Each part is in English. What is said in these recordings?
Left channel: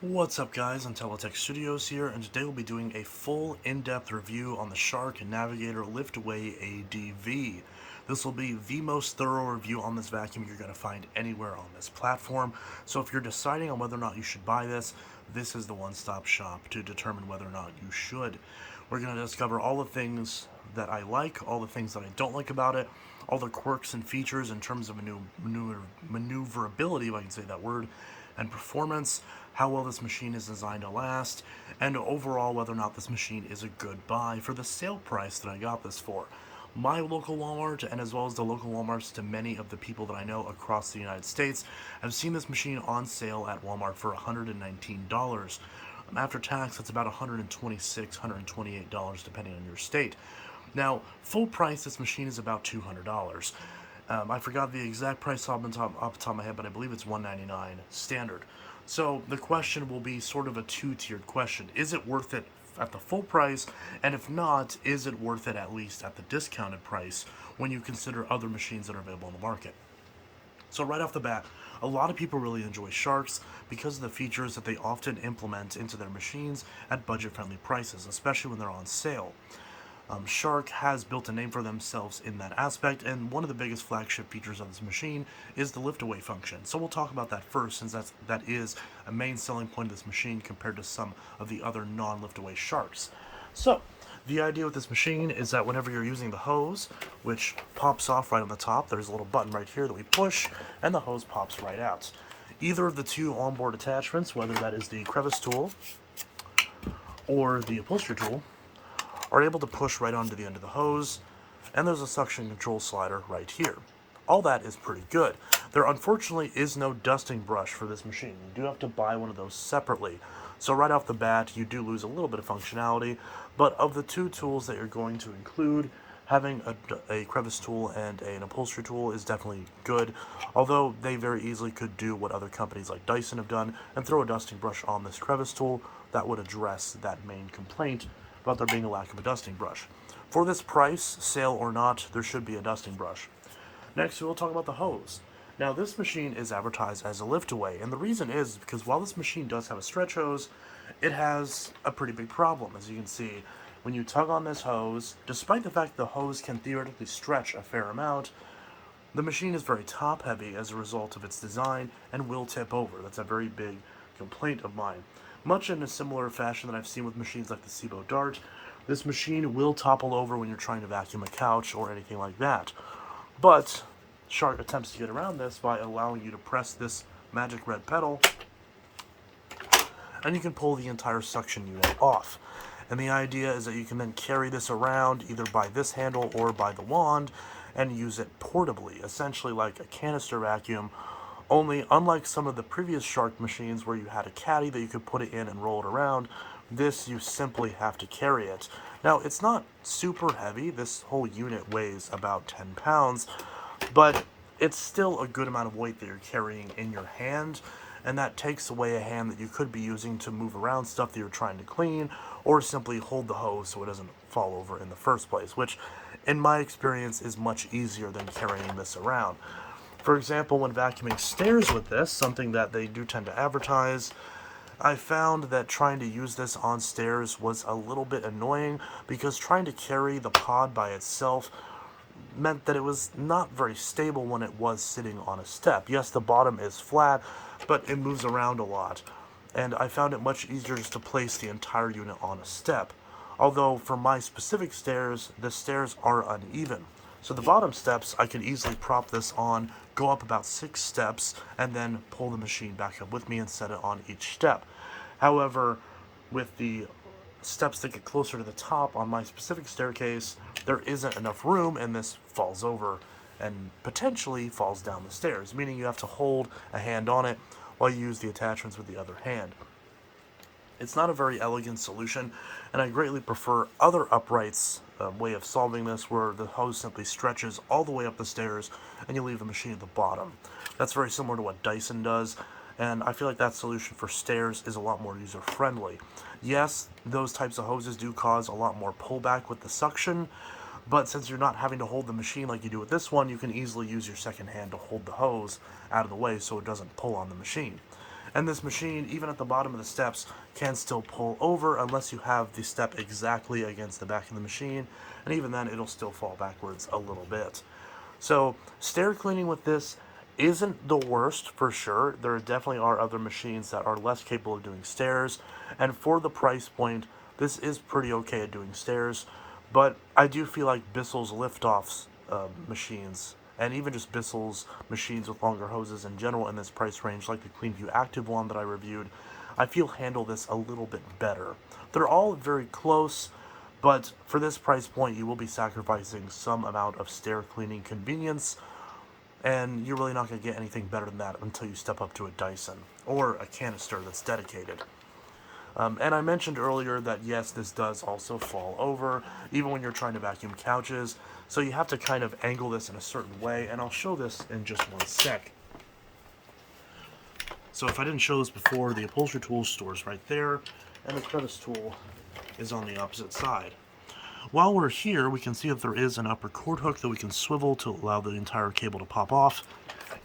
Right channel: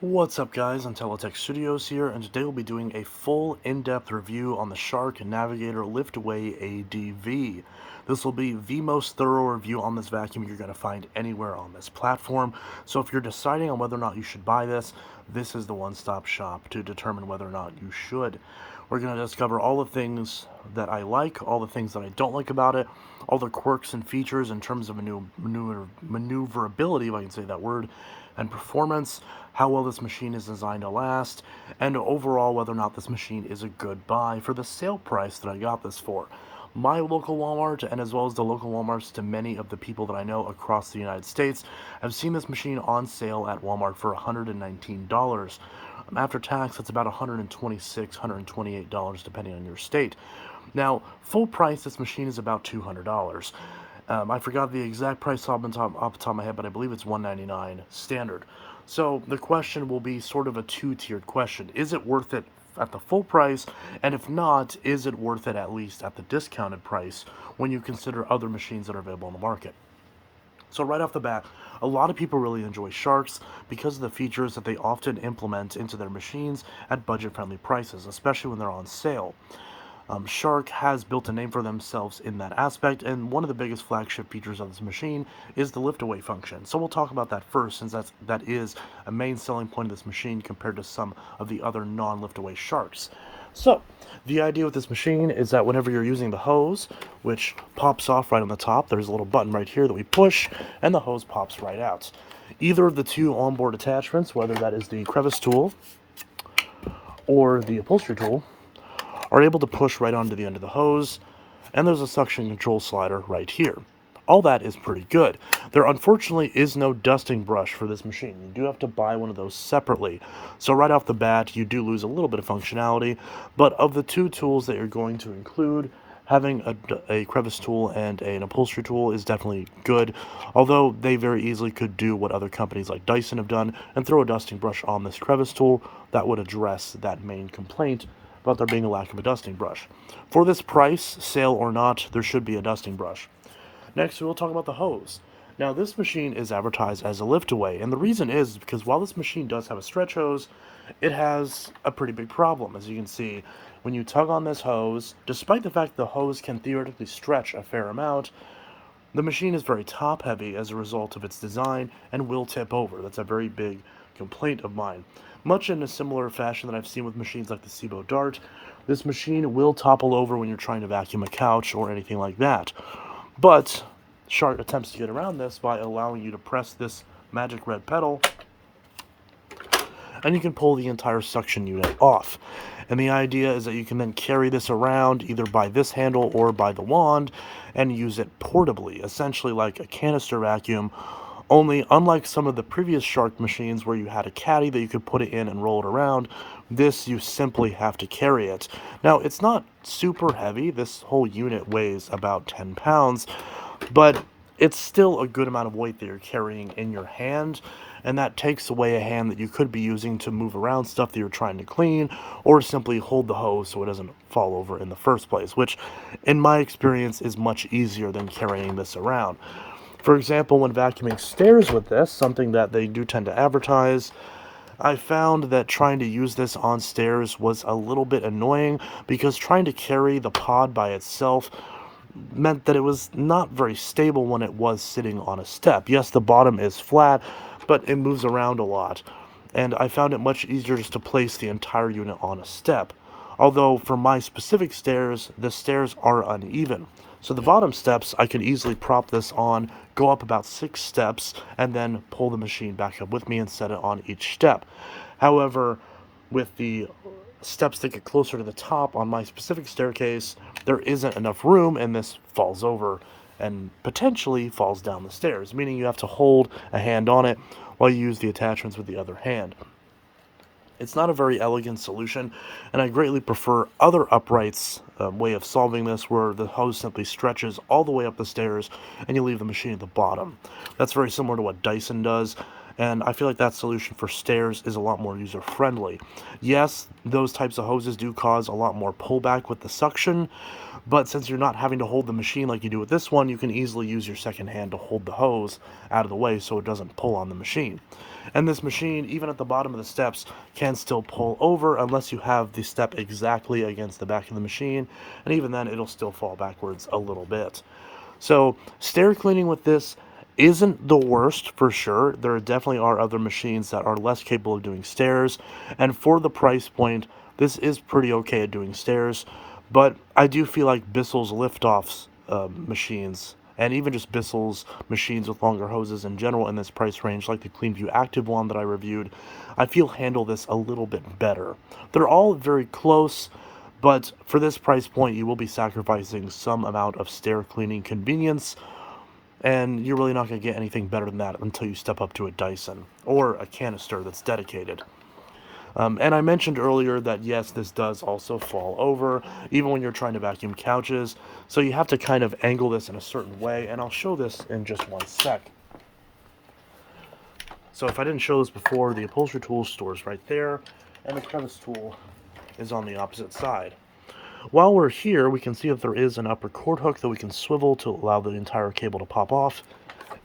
What's up guys, Intellitech Studios here, and today we'll be doing a full in-depth review on the Shark Navigator Liftaway ADV. This will be the most thorough review on this vacuum you're going to find anywhere on this platform, so if you're deciding on whether or not you should buy this, this is the one-stop shop to determine whether or not you should. We're going to discover all the things that I like, all the things that I don't like about it, all the quirks and features in terms of maneuverability, if I can say that word, and performance, how well this machine is designed to last, and overall whether or not this machine is a good buy for the sale price that I got this for. My local Walmart, and as well as the local Walmarts to many of the people that I know across the United States, have seen this machine on sale at Walmart for $119. After tax, it's about $126, $128 depending on your state. Now, full price, this machine is about $200. I forgot the exact price off the top of my head, but I believe it's $199 standard. So the question will be sort of a two-tiered question. Is it worth it at the full price? And if not, is it worth it at least at the discounted price when you consider other machines that are available on the market? So right off the bat, a lot of people really enjoy Sharks because of the features that they often implement into their machines at budget-friendly prices, especially when they're on sale. Shark has built a name for themselves in that aspect, and one of the biggest flagship features of this machine is the lift-away function. So we'll talk about that first, since that is a main selling point of this machine compared to some of the other non-lift-away Sharks. So, the idea with this machine is that whenever you're using the hose, which pops off right on the top, there's a little button right here that we push, and the hose pops right out. Either of the two onboard attachments, whether that is the crevice tool or the upholstery tool, are able to push right onto the end of the hose, and there's a suction control slider right here. All that is pretty good. There unfortunately is no dusting brush for this machine. You do have to buy one of those separately. So right off the bat, you do lose a little bit of functionality, but of the two tools that you're going to include, having a crevice tool and an upholstery tool is definitely good, although they very easily could do what other companies like Dyson have done and throw a dusting brush on this crevice tool that would address that main complaint about there being a lack of a dusting brush. For this price, sale or not, there should be a dusting brush. Next, we'll talk about the hose. Now, this machine is advertised as a lift-away, and the reason is because while this machine does have a stretch hose, it has a pretty big problem. As you can see, when you tug on this hose, despite the fact the hose can theoretically stretch a fair amount, the machine is very top-heavy as a result of its design and will tip over. That's a very big complaint of mine. Much in a similar fashion that I've seen with machines like the Cibo Dart, this machine will topple over when you're trying to vacuum a couch or anything like that. But Shark attempts to get around this by allowing you to press this magic red pedal, and you can pull the entire suction unit off. And the idea is that you can then carry this around either by this handle or by the wand and use it portably, essentially like a canister vacuum, only unlike some of the previous Shark machines where you had a caddy that you could put it in and roll it around, this you simply have to carry it. Now, it's not super heavy. This whole unit weighs about 10 pounds, but it's still a good amount of weight that you're carrying in your hand, and that takes away a hand that you could be using to move around stuff that you're trying to clean, or simply hold the hose so it doesn't fall over in the first place, which in my experience is much easier than carrying this around. For example, when vacuuming stairs with this, something that they do tend to advertise, I found that trying to use this on stairs was a little bit annoying because trying to carry the pod by itself meant that it was not very stable when it was sitting on a step. Yes, the bottom is flat, but it moves around a lot, and I found it much easier just to place the entire unit on a step. Although for my specific stairs, the stairs are uneven. So the bottom steps, I can easily prop this on, go up about 6 steps, and then pull the machine back up with me and set it on each step. However, with the steps that get closer to the top on my specific staircase, there isn't enough room, and this falls over and potentially falls down the stairs, meaning you have to hold a hand on it while you use the attachments with the other hand. It's not a very elegant solution, and I greatly prefer other uprights way of solving this, where the hose simply stretches all the way up the stairs and you leave the machine at the bottom. That's very similar to what Dyson does, and I feel like that solution for stairs is a lot more user-friendly. Yes, those types of hoses do cause a lot more pullback with the suction, but since you're not having to hold the machine like you do with this one, you can easily use your second hand to hold the hose out of the way so it doesn't pull on the machine. And this machine, even at the bottom of the steps, can still pull over unless you have the step exactly against the back of the machine, and even then it'll still fall backwards a little bit. So stair cleaning with this isn't the worst for sure. There definitely are other machines that are less capable of doing stairs, and for the price point, this is pretty okay at doing stairs. But I do feel like Bissell's liftoffs machines, and even just Bissell's machines with longer hoses in general in this price range, like the CleanView Active one that I reviewed, I feel handle this a little bit better. They're all very close, but for this price point, you will be sacrificing some amount of stair cleaning convenience, and you're really not going to get anything better than that until you step up to a Dyson or a canister that's dedicated. And I mentioned earlier that yes, this does also fall over, even when you're trying to vacuum couches. So you have to kind of angle this in a certain way, and I'll show this in just one sec. So if I didn't show this before, the upholstery tool store's right there, and the crevice tool is on the opposite side. While we're here, we can see that there is an upper cord hook that we can swivel to allow the entire cable to pop off.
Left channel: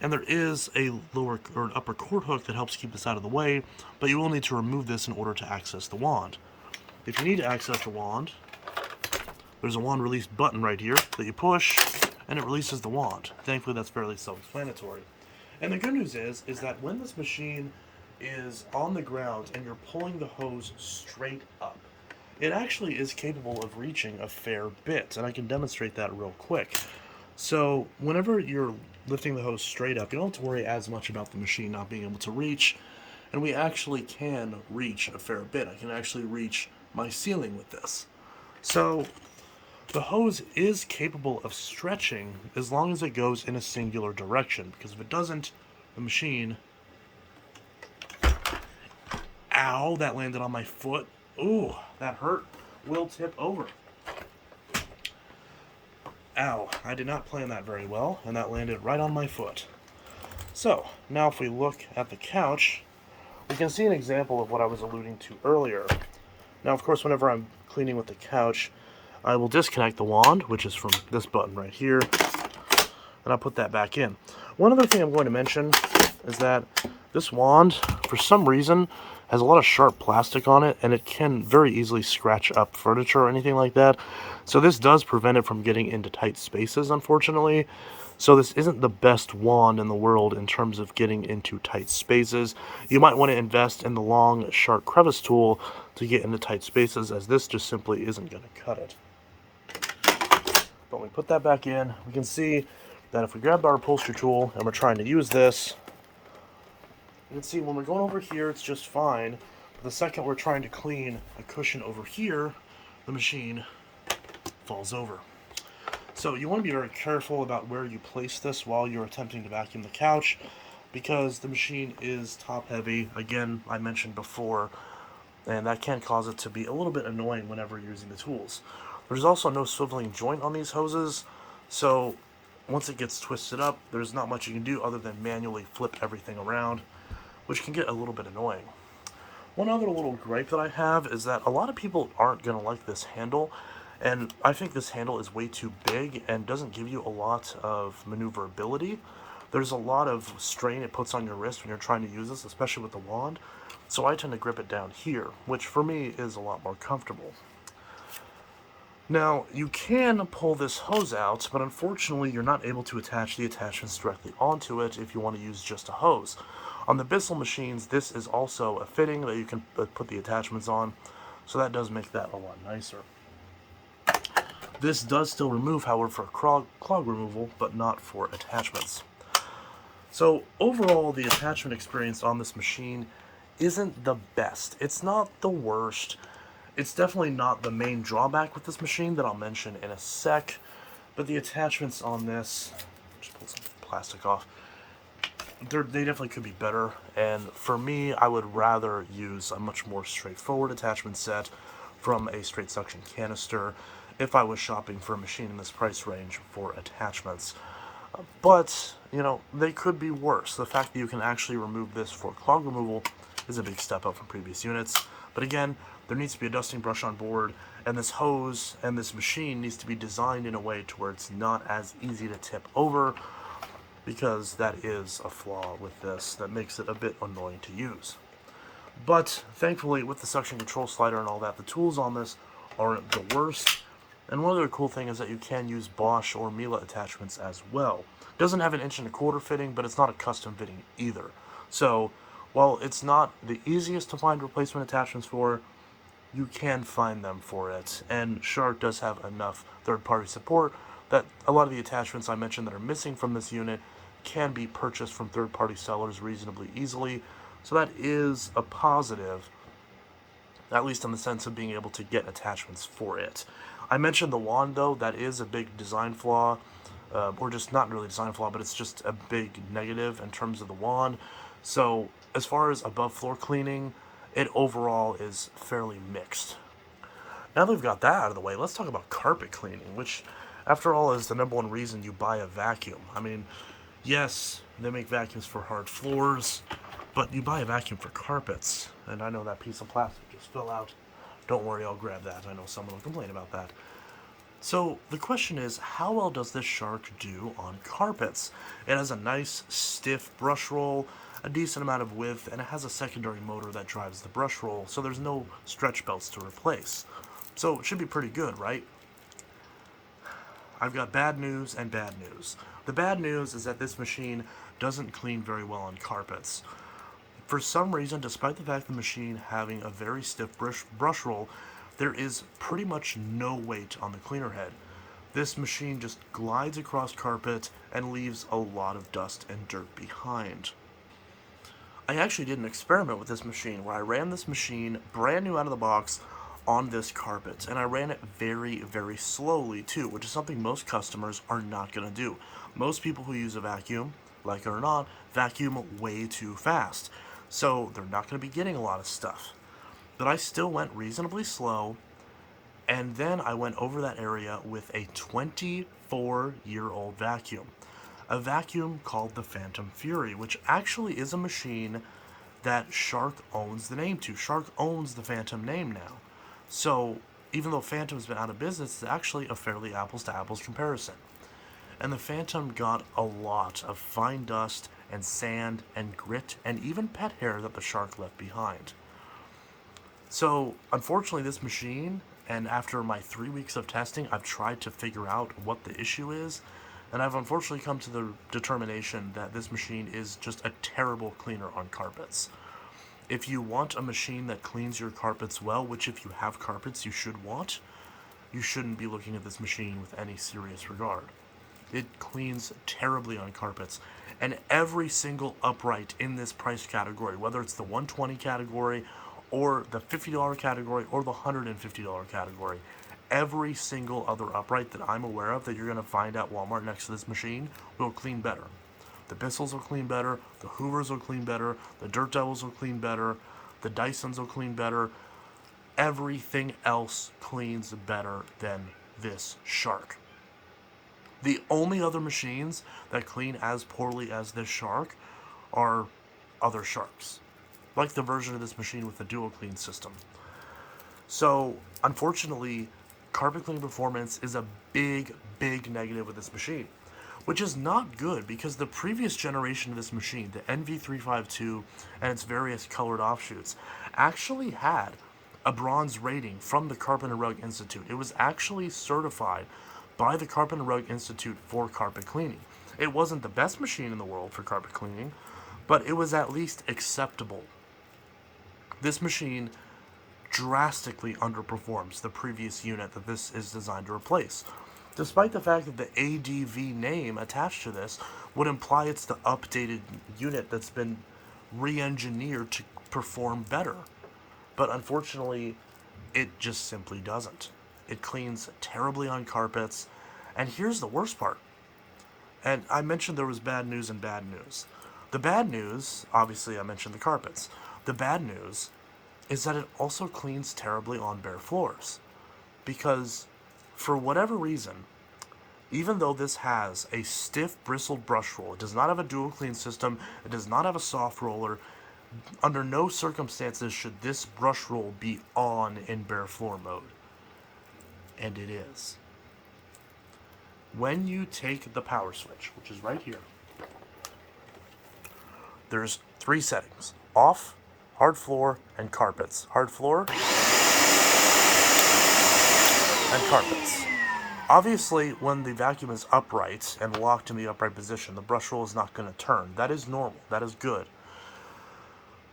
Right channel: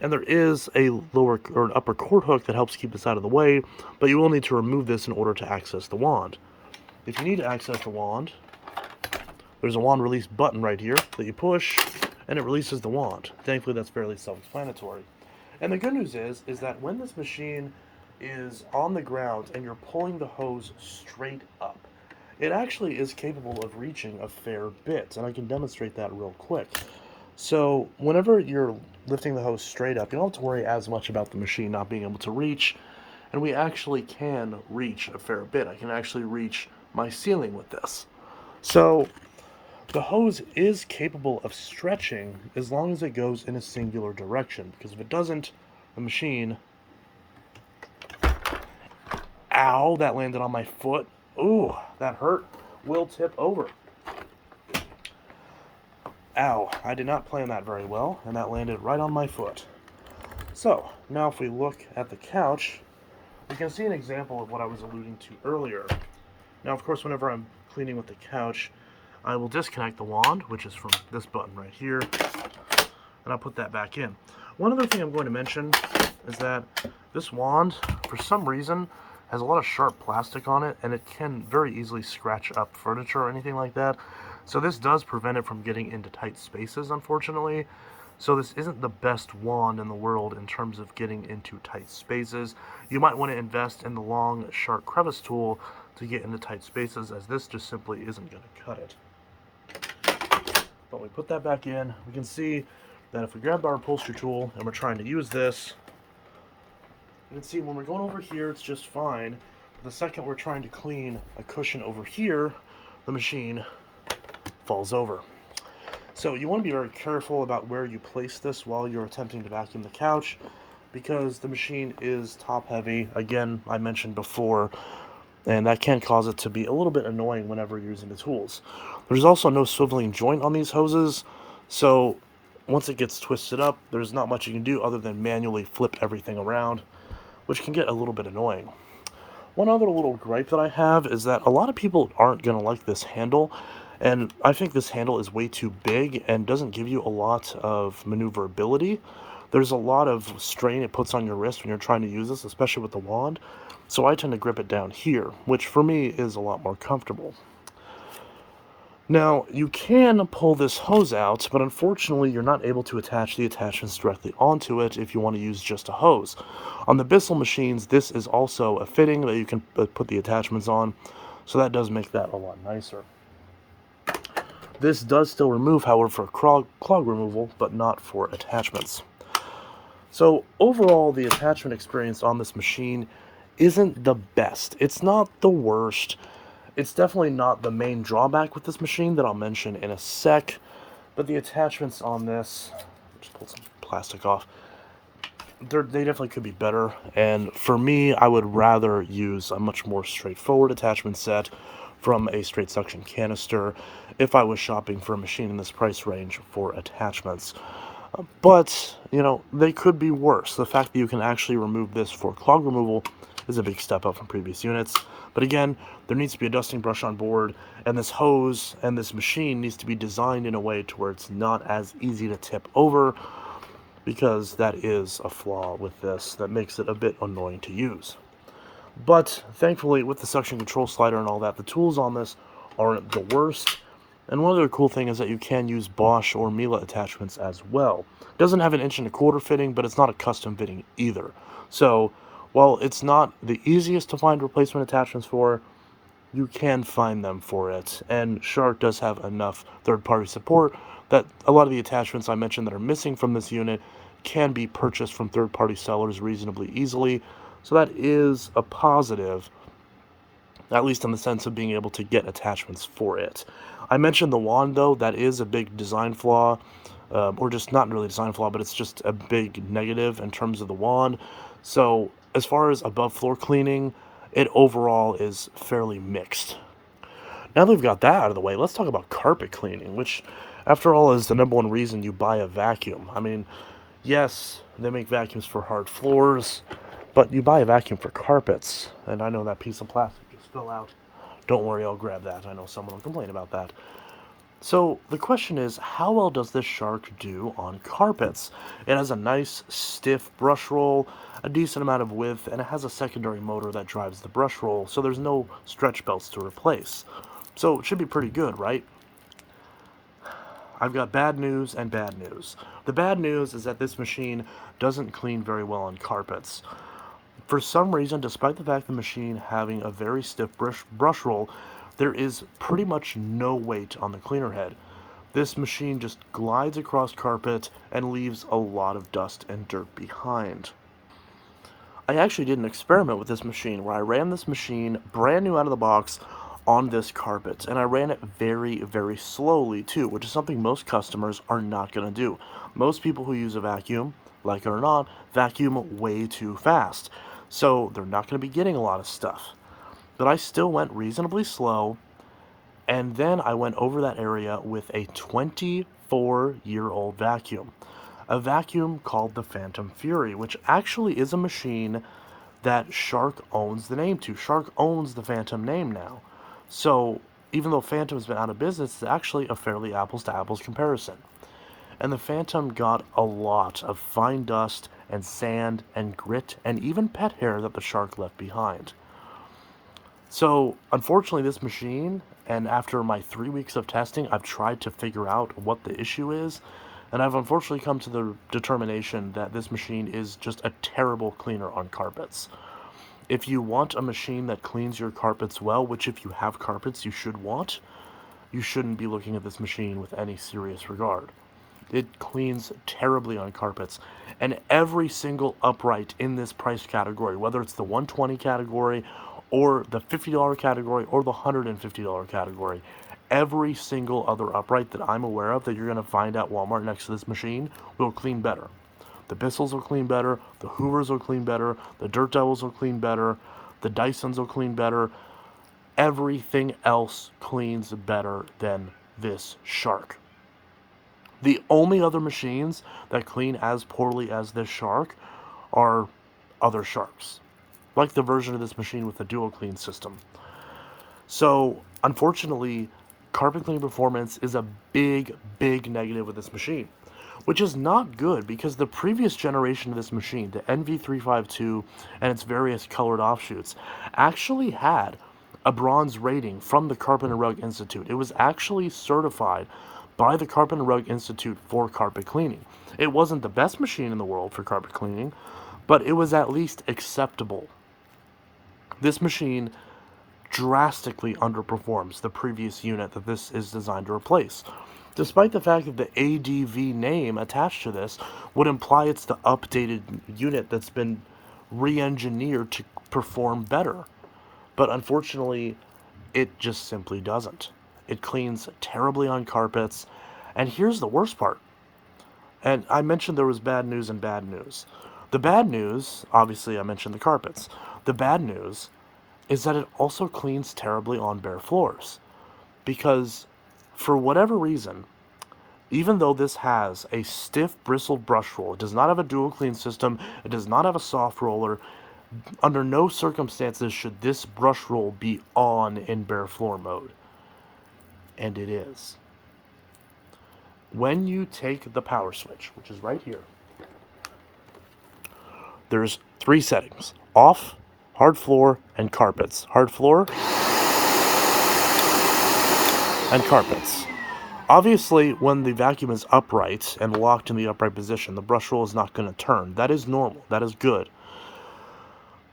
And there is a lower or an upper cord hook that helps keep this out of the way, but you will need to remove this in order to access the wand. If you need to access the wand, there's a wand release button right here that you push, and it releases the wand. Thankfully, that's fairly self-explanatory. And the good news is that when this machine is on the ground and you're pulling the hose straight up, it actually is capable of reaching a fair bit, and I can demonstrate that real quick. So whenever you're lifting the hose straight up, you don't have to worry as much about the machine not being able to reach, and we actually can reach a fair bit. I can actually reach my ceiling with this. So the hose is capable of stretching as long as it goes in a singular direction, because if it doesn't, the machine... Ow, that landed on my foot. Ooh, that hurt. Will tip over. Ow, I did not plan that very well, and that landed right on my foot. So, now if we look at the couch, we can see an example of what I was alluding to earlier. Now, of course, whenever I'm cleaning with the couch, I will disconnect the wand, which is from this button right here, and I'll put that back in. One other thing I'm going to mention is that this wand, for some reason, has a lot of sharp plastic on it, and it can very easily scratch up furniture or anything like that. So this does prevent it from getting into tight spaces, unfortunately. So this isn't the best wand in the world in terms of getting into tight spaces. You might want to invest in the long, sharp crevice tool to get into tight spaces, as this just simply isn't going to cut it. But when we put that back in, we can see that if we grab our upholstery tool and we're trying to use this, you can see when we're going over here, it's just fine. The second we're trying to clean a cushion over here, the machine falls over. So you want to be very careful about where you place this while you're attempting to vacuum the couch, because the machine is top heavy, again, I mentioned before, and that can cause it to be a little bit annoying whenever you're using the tools. There's also no swiveling joint on these hoses, so once it gets twisted up, there's not much you can do other than manually flip everything around, which can get a little bit annoying. One other little gripe that I have is that a lot of people aren't going to like this handle, and I think this handle is way too big and doesn't give you a lot of maneuverability. There's a lot of strain it puts on your wrist when you're trying to use this, especially with the wand, so I tend to grip it down here, which for me is a lot more comfortable. Now, you can pull this hose out, but unfortunately you're not able to attach the attachments directly onto it if you want to use just a hose. On the Bissell machines, this is also a fitting that you can put the attachments on, so that does make that a lot nicer. This does still remove, however, for clog removal, but not for attachments. So overall, the attachment experience on this machine isn't the best. It's not the worst. It's definitely not the main drawback with this machine that I'll mention in a sec, but the attachments on this, just pull some plastic off, they definitely could be better, and for me, I would rather use a much more straightforward attachment set from a straight suction canister if I was shopping for a machine in this price range for attachments. But, you know, they could be worse. The fact that you can actually remove this for clog removal is a big step up from previous units. But again, there needs to be a dusting brush on board, and this hose and this machine needs to be designed in a way to where it's not as easy to tip over. because that is a flaw with this that makes it a bit annoying to use. But thankfully, with the suction control slider and all that, the tools on this aren't the worst. And one other cool thing is that you can use Bosch or Miele attachments as well. It doesn't have an 1.25" fitting, but it's not a custom fitting either. So, while it's not the easiest to find replacement attachments for, you can find them for it. And Shark does have enough third-party support that a lot of the attachments I mentioned that are missing from this unit can be purchased from third-party sellers reasonably easily. So that is a positive, at least in the sense of being able to get attachments for it. I mentioned the wand, though. That is a big design flaw, or just not really design flaw, but it's just a big negative in terms of the wand. So as far as above floor cleaning, it overall is fairly mixed. Now that we've got that out of the way, let's talk about carpet cleaning, which, after all, is the number one reason you buy a vacuum. I mean, yes, they make vacuums for hard floors, but you buy a vacuum for carpets. And I know that piece of plastic just fell out. Don't worry, I'll grab that. I know someone will complain about that. So the question is, how well does this Shark do on carpets? It has a nice stiff brush roll, a decent amount of width, and it has a secondary motor that drives the brush roll, so there's no stretch belts to replace. So it should be pretty good, right? I've got bad news and bad news. The bad news is that this machine doesn't clean very well on carpets. For some reason, despite the fact the machine having a very stiff brush roll, there is pretty much no weight on the cleaner head. This machine just glides across carpet and leaves a lot of dust and dirt behind. I actually did an experiment with this machine where I ran this machine brand new out of the box on this carpet, and I ran it very, very slowly too, which is something most customers are not going to do. Most people who use a vacuum, like it or not, vacuum way too fast, so they're not going to be getting a lot of stuff. But I still went reasonably slow, and then I went over that area with a 24-year-old vacuum. A vacuum called the Phantom Fury, which actually is a machine that Shark owns the name to. Shark owns the Phantom name now. So even though Phantom's been out of business, it's actually a fairly apples to apples comparison. And the Phantom got a lot of fine dust and sand and grit and even pet hair that the Shark left behind. So, unfortunately, this machine, and after my 3 weeks of testing, I've tried to figure out what the issue is, and I've unfortunately come to the determination that this machine is just a terrible cleaner on carpets. If you want a machine that cleans your carpets well, which if you have carpets you should want, you shouldn't be looking at this machine with any serious regard. It cleans terribly on carpets, and every single upright in this price category, whether it's the 120 category or the $50 category or the $150 category, every single other upright that I'm aware of that you're going to find at Walmart next to this machine will clean better. The Bissells will clean better, the Hoovers will clean better, the Dirt Devils will clean better, the Dysons will clean better. Everything else cleans better than this Shark. The only other machines that clean as poorly as this Shark are other Sharks, like the version of this machine with the dual clean system. So, unfortunately, carpet cleaning performance is a big, big negative with this machine, which is not good because the previous generation of this machine, the NV352 and its various colored offshoots, actually had a bronze rating from the Carpet and Rug Institute. It was actually certified by the Carpet and Rug Institute for carpet cleaning. It wasn't the best machine in the world for carpet cleaning, but it was at least acceptable. This machine drastically underperforms the previous unit that this is designed to replace, despite the fact that the ADV name attached to this would imply it's the updated unit that's been re-engineered to perform better. But unfortunately, it just simply doesn't. It cleans terribly on carpets, and here's the worst part. And I mentioned there was bad news and bad news. The bad news, obviously I mentioned the carpets. The bad news is that it also cleans terribly on bare floors. Because, for whatever reason, even though this has a stiff bristled brush roll, it does not have a dual clean system, it does not have a soft roller, under no circumstances should this brush roll be on in bare floor mode. And it is. When you take the power switch, which is right here, there's 3 settings: off, hard floor, and carpets. Hard floor and carpets. Obviously, when the vacuum is upright and locked in the upright position, the brush roll is not going to turn. That is normal. That is good.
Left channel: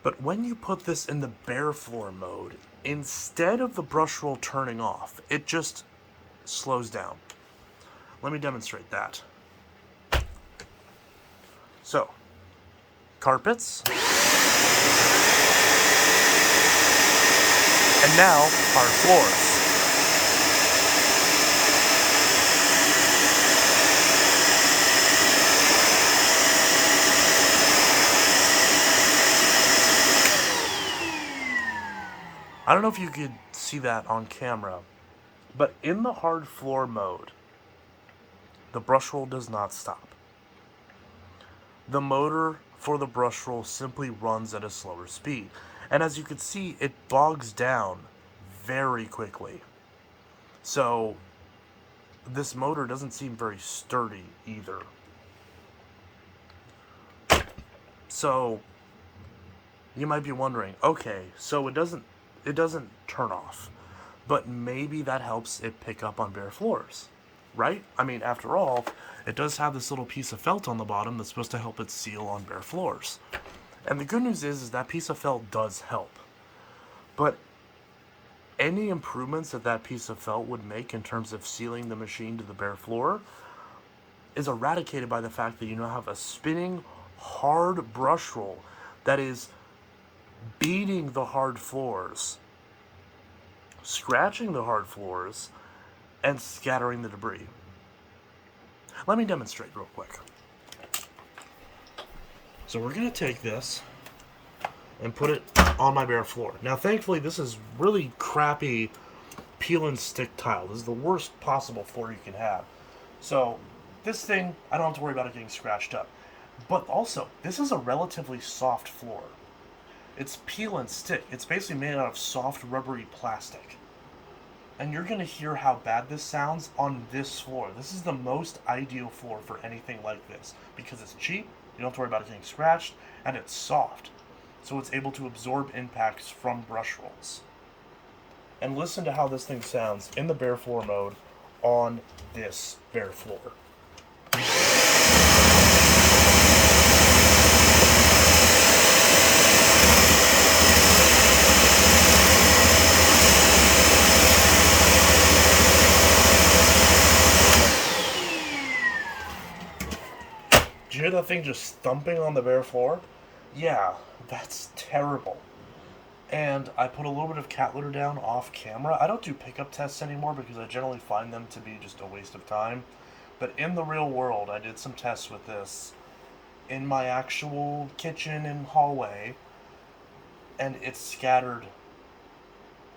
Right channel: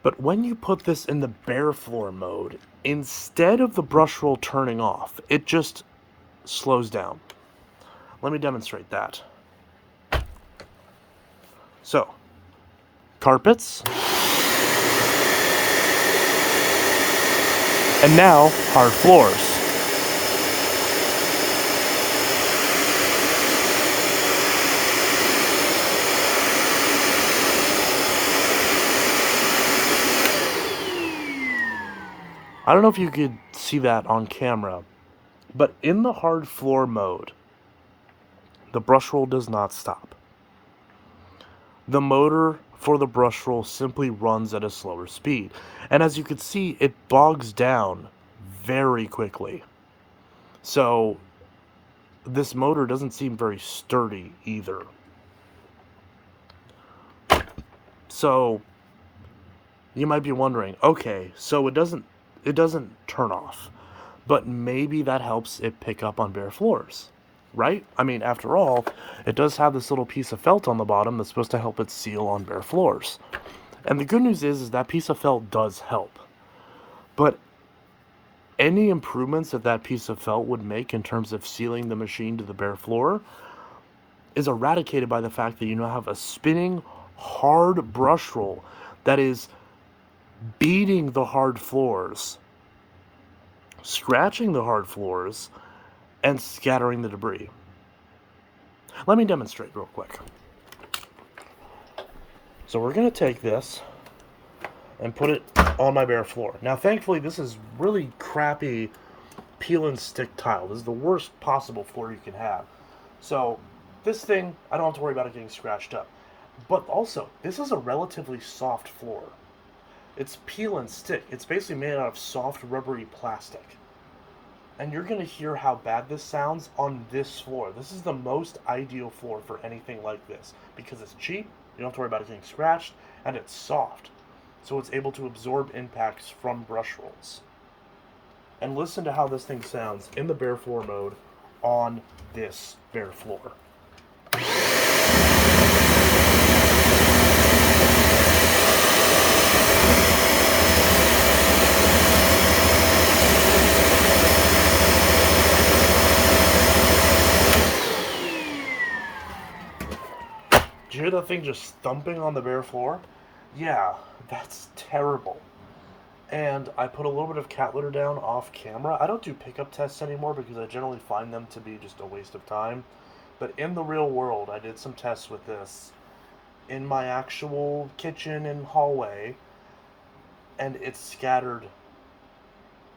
But when you put this in the bare floor mode, instead of the brush roll turning off, it just slows down. Let me demonstrate that. So, carpets. And now, hard floors. I don't know if you could see that on camera, but in the hard floor mode, the brush roll does not stop. The motor for the brush roll simply runs at a slower speed. And as you can see, it bogs down very quickly. So this motor doesn't seem very sturdy either. So you might be wondering, okay, so it doesn't turn off, but maybe that helps it pick up on bare floors, right? I mean, after all, it does have this little piece of felt on the bottom that's supposed to help it seal on bare floors. And the good news is that piece of felt does help. But any improvements that piece of felt would make in terms of sealing the machine to the bare floor is eradicated by the fact that you now have a spinning, hard brush roll that is beating the hard floors, scratching the hard floors, and scattering the debris. Let me demonstrate real quick. So we're going to take this and put it on my bare floor. Now, thankfully, this is really crappy peel and stick tile. This is the worst possible floor you can have. So this thing, I don't have to worry about it getting scratched up. But also, this is a relatively soft floor. It's peel and stick. It's basically made out of soft, rubbery plastic. And you're going to hear how bad this sounds on this floor. This is the most ideal floor for anything like this because it's cheap, you don't have to worry about it getting scratched, and it's soft. So it's able to absorb impacts from brush rolls. And listen to how this thing sounds in the bare floor mode on this bare floor. Did you hear that thing just thumping on the bare floor? Yeah, that's terrible. And I put a little bit of cat litter down off camera. I don't do pickup tests anymore because I generally find them to be just a waste of time. But in the real world, I did some tests with this in my actual kitchen and hallway, and it scattered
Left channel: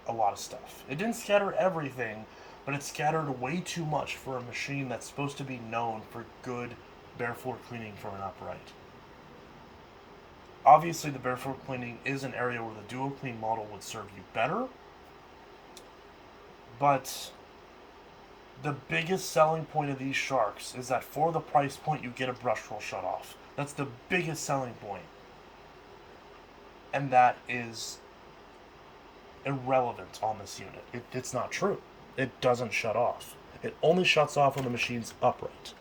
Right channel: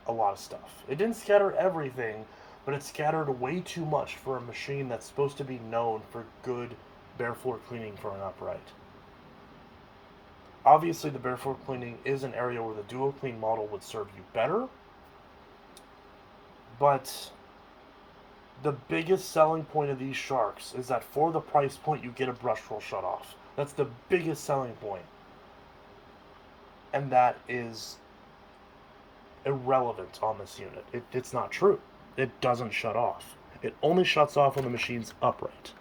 a lot of stuff. It didn't scatter everything, but it scattered way too much for a machine that's supposed to be known for good bare floor cleaning for an upright. Obviously, the bare floor cleaning is an area where the dual clean model would serve you better, but the biggest selling point of these sharks is that for the price point you get a brush roll shut off. That's the biggest selling point. And that is irrelevant on this unit. It's not true. It doesn't shut off. It only shuts off when the machine's upright.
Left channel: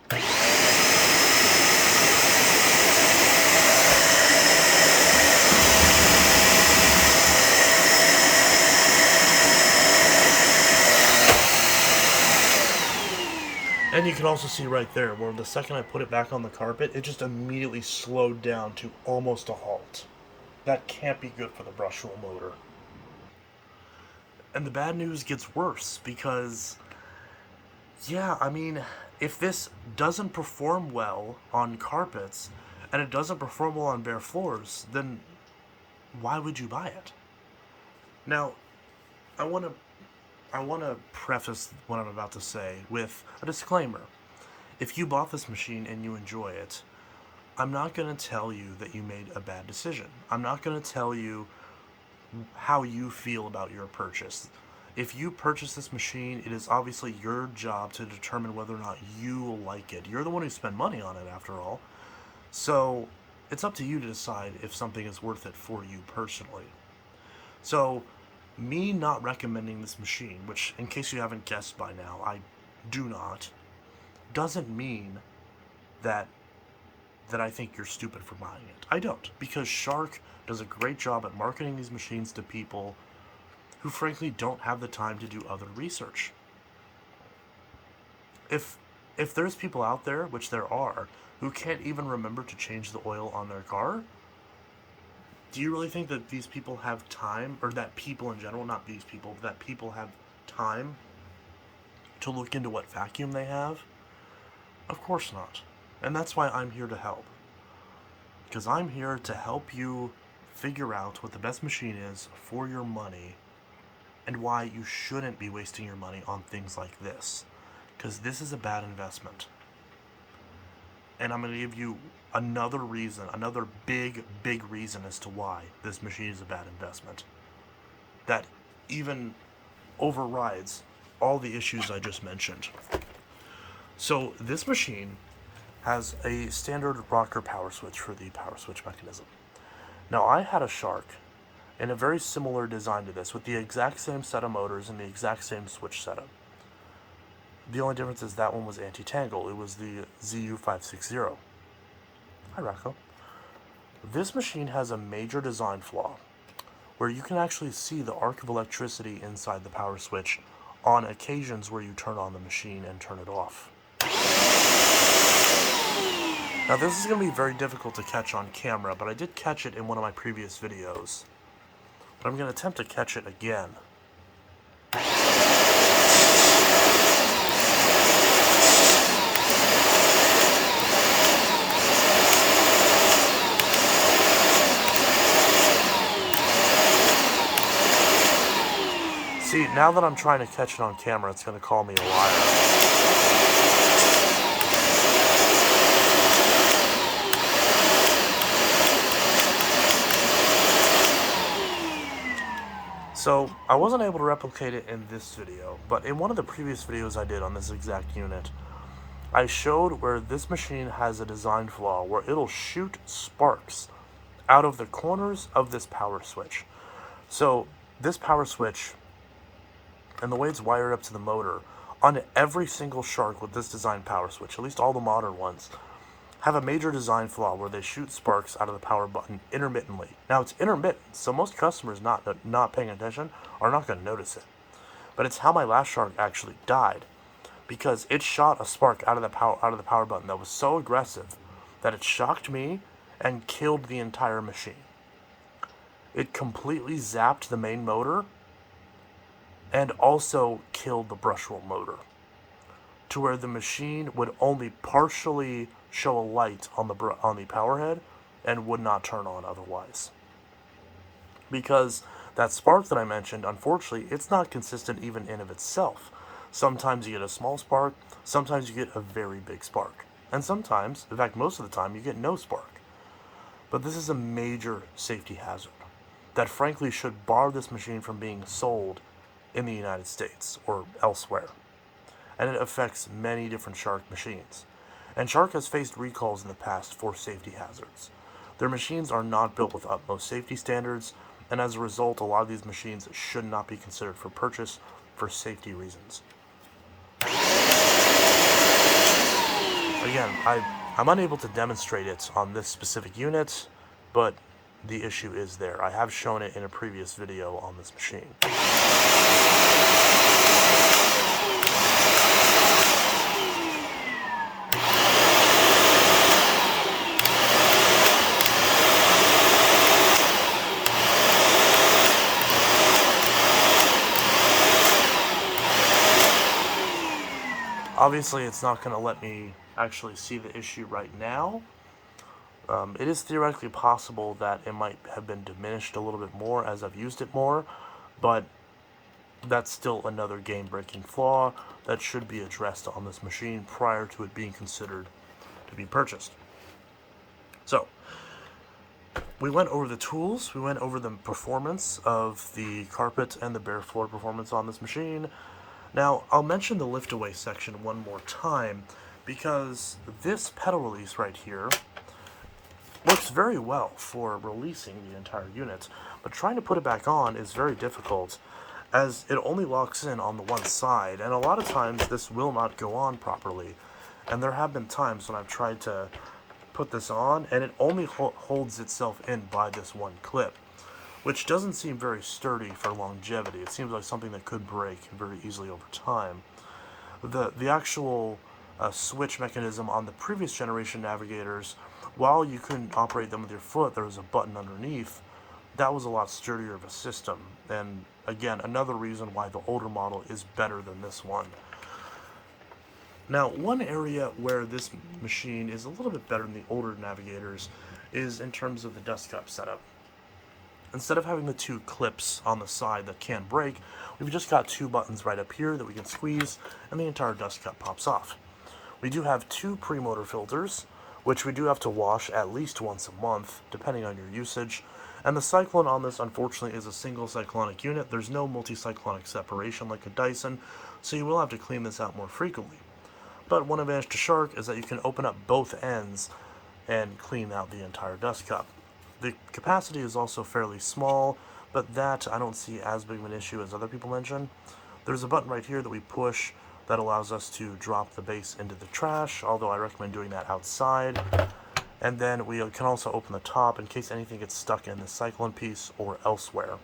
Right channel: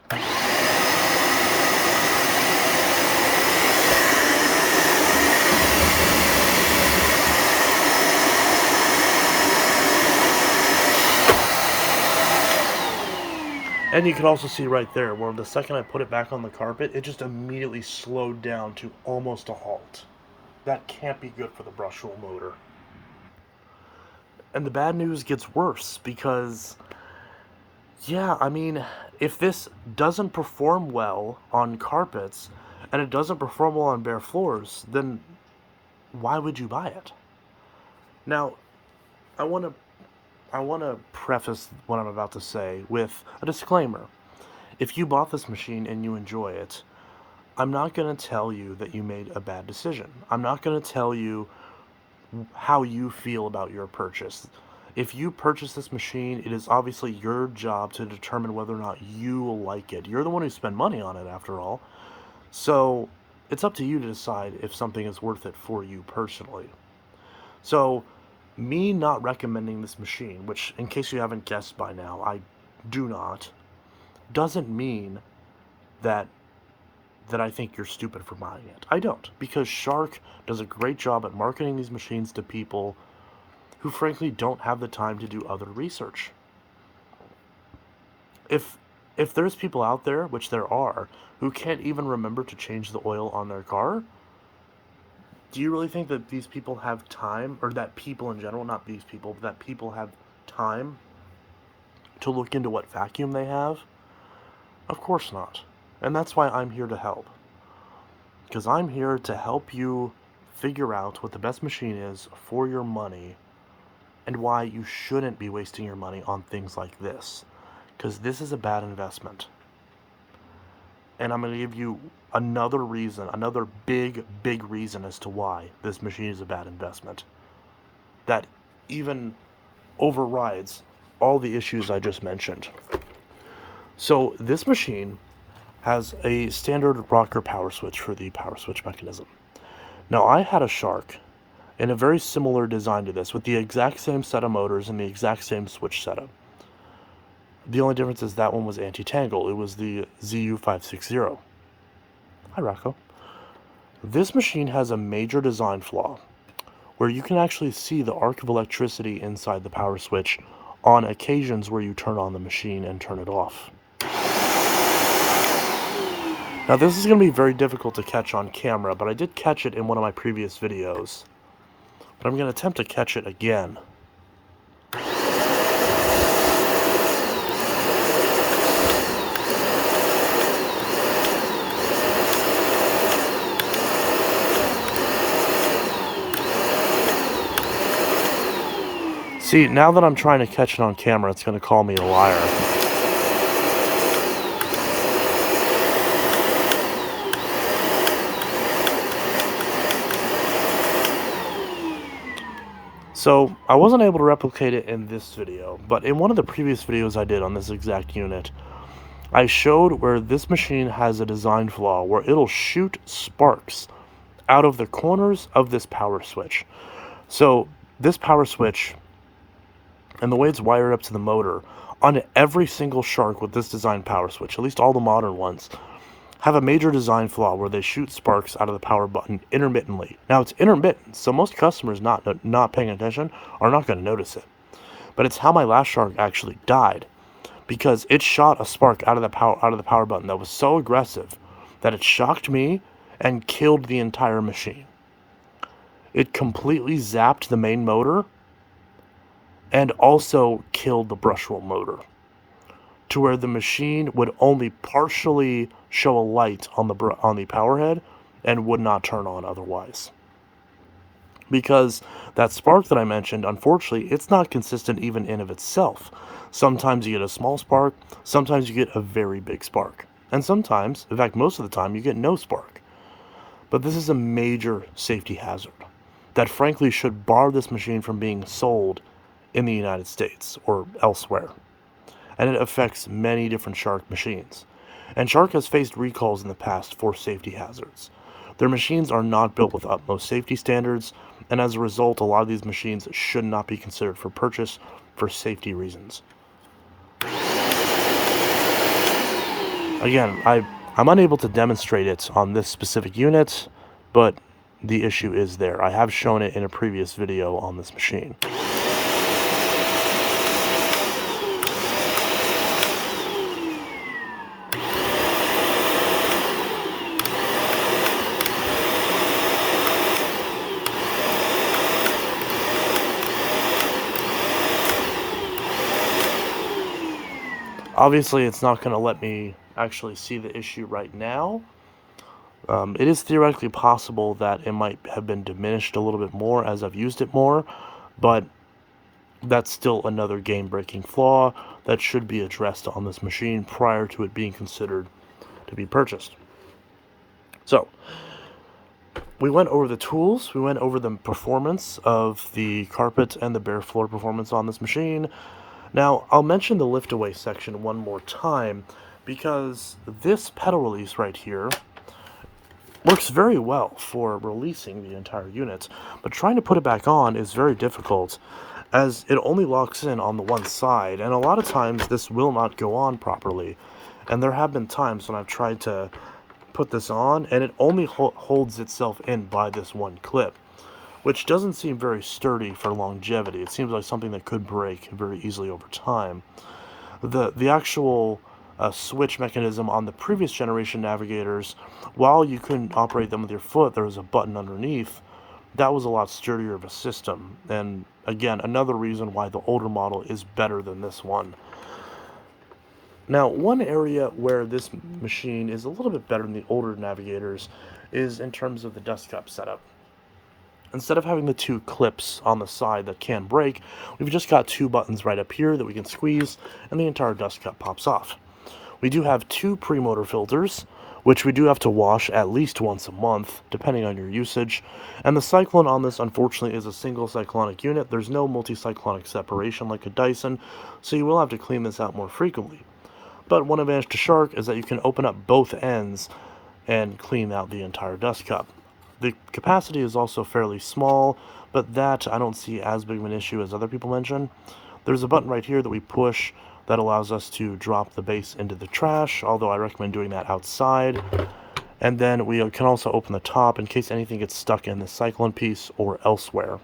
And you can also see right there where the second I put it back on the carpet, it just immediately slowed down to almost a halt. That can't be good for the brush roll motor. And the bad news gets worse because, yeah, I mean, if this doesn't perform well on carpets and it doesn't perform well on bare floors, then why would you buy it? Now, I want to preface what I'm about to say with a disclaimer. If you bought this machine and you enjoy it, I'm not going to tell you that you made a bad decision. I'm not going to tell you how you feel about your purchase. If you purchase this machine, it is obviously your job to determine whether or not you will like it. You're the one who spent money on it, after all. So it's up to you to decide if something is worth it for you personally. So, me not recommending this machine, which, in case you haven't guessed by now, I do not, doesn't mean that I think you're stupid for buying it. I don't, because Shark does a great job at marketing these machines to people who frankly don't have the time to do other research. If there's people out there, which there are, who can't even remember to change the oil on their car, do you really think that these people have time, or that people in general, not these people, but that people have time to look into what vacuum they have? Of course not. And that's why I'm here to help. Because I'm here to help you figure out what the best machine is for your money and why you shouldn't be wasting your money on things like this. Because this is a bad investment. And I'm going to give you another reason, another big reason as to why this machine is a bad investment. That even overrides all the issues I just mentioned. So this machine has a standard rocker power switch for the power switch mechanism. Now, I had a Shark in a very similar design to this, with the exact same set of motors and the exact same switch setup. The only difference is that one was anti-tangle. It was the ZU560. Hi, Rocco. This machine has a major design flaw where you can actually see the arc of electricity inside the power switch on occasions where you turn on the machine and turn it off. Now, this is going to be very difficult to catch on camera, but I did catch it in one of my previous videos. But I'm going to attempt to catch it again. See, now that I'm trying to catch it on camera, it's going to call me a liar. So, I wasn't able to replicate it in this video, but in one of the previous videos I did on this exact unit, I showed where this machine has a design flaw where it'll shoot sparks out of the corners of this power switch. So, this power switch, and the way it's wired up to the motor, on every single Shark with this design power switch, at least all the modern ones, have a major design flaw where they shoot sparks out of the power button intermittently. Now, it's intermittent, so most customers not paying attention are not going to notice it. But it's how my last Shark actually died, because it shot a spark out of the power button that was so aggressive that it shocked me and killed the entire machine. It completely zapped the main motor and also killed the brush roll motor, to where the machine would only partially show a light on the power head and would not turn on otherwise. Because that spark that I mentioned, unfortunately, it's not consistent even in of itself. Sometimes you get a small spark, sometimes you get a very big spark, and sometimes, in fact most of the time, you get no spark. But this is a major safety hazard that frankly should bar this machine from being sold in the United States or elsewhere. And it affects many different Shark machines. And Shark has faced recalls in the past for safety hazards. Their machines are not built with utmost safety standards, and as a result, a lot of these machines should not be considered for purchase for safety reasons. Again, I'm unable to demonstrate it on this specific unit, but the issue is there. I have shown it in a previous video on this machine. Obviously, it's not going to let me actually see the issue right now. It is theoretically possible that it might have been diminished a little bit more as I've used it more, but that's still another game-breaking flaw that should be addressed on this machine prior to it being considered to be purchased. So, we went over the tools, we went over the performance of the carpet and the bare floor performance on this machine. Now, I'll mention the lift-away section one more time, because this pedal release right here works very well for releasing the entire unit, but trying to put it back on is very difficult as it only locks in on the one side, and a lot of times this will not go on properly. And there have been times when I've tried to put this on and it only holds itself in by this one clip, which doesn't seem very sturdy for longevity. It seems like something that could break very easily over time. The actual switch mechanism on the previous generation Navigators, while you couldn't operate them with your foot, there was a button underneath. That was a lot sturdier of a system, and again, another reason why the older model is better than this one. Now, one area where this machine is a little bit better than the older Navigators is in terms of the dust cap setup. Instead of having the two clips on the side that can break, we've just got two buttons right up here that we can squeeze, and the entire dust cap pops off. We do have two pre-motor filters, which we do have to wash at least once a month, depending on your usage. And the cyclone on this, unfortunately, is a single cyclonic unit. There's no multi-cyclonic separation like a Dyson, so you will have to clean this out more frequently. But one advantage to Shark is that you can open up both ends and clean out the entire dust cup. The capacity is also fairly small, but that I don't see as big of an issue as other people mention. There's a button right here that we push that allows us to drop the base into the trash, although I recommend doing that outside. And then we can also open the top in case anything gets stuck in the cyclone piece or elsewhere.